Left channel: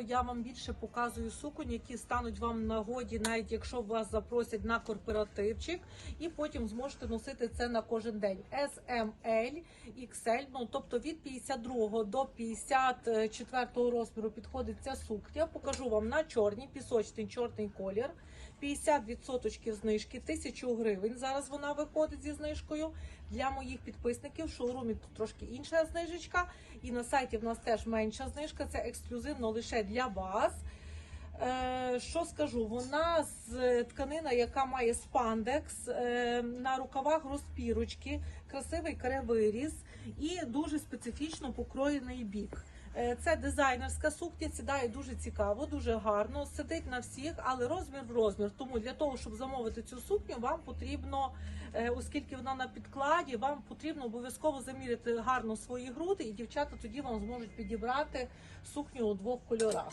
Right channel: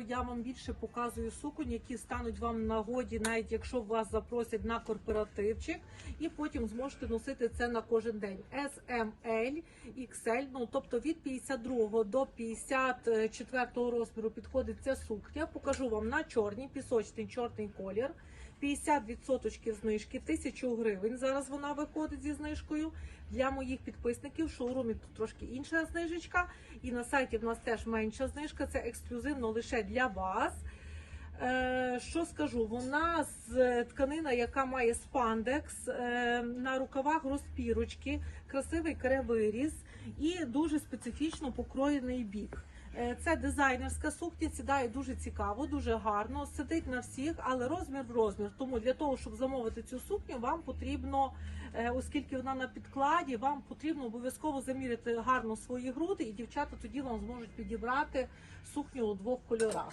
я вам більше показую суконь, які стануть вам нагоді, навіть якщо вас запросять на корпоративчик, і потім зможете носити це на кожен день. SML, XL, ну тобто від 52 до 54 розміру підходить ця сукня. Покажу вам на чорній, пісочний чорний колір. 50% знижки, 1000 гривень. Зараз вона виходить зі знижкою. Для моїх підписників в шоурумі тут трошки інша знижечка. І на сайті в нас теж менша знижка. Це ексклюзивно лише для вас. Е, що скажу? Вона з тканина, яка має спандекс, е, на рукавах розпірочки, красивий каре-виріз і дуже специфічно покроєний бік. Е, Це дизайнерська сукня, сідає дуже цікаво, дуже гарно, сидить на всіх, але розмір в розмір. Тому для того, щоб замовити цю сукню, вам потрібно, е, оскільки вона на підкладі, вам потрібно обов'язково заміряти гарно свої груди, і дівчата тоді вам зможуть підібрати сукню у двох кольорах.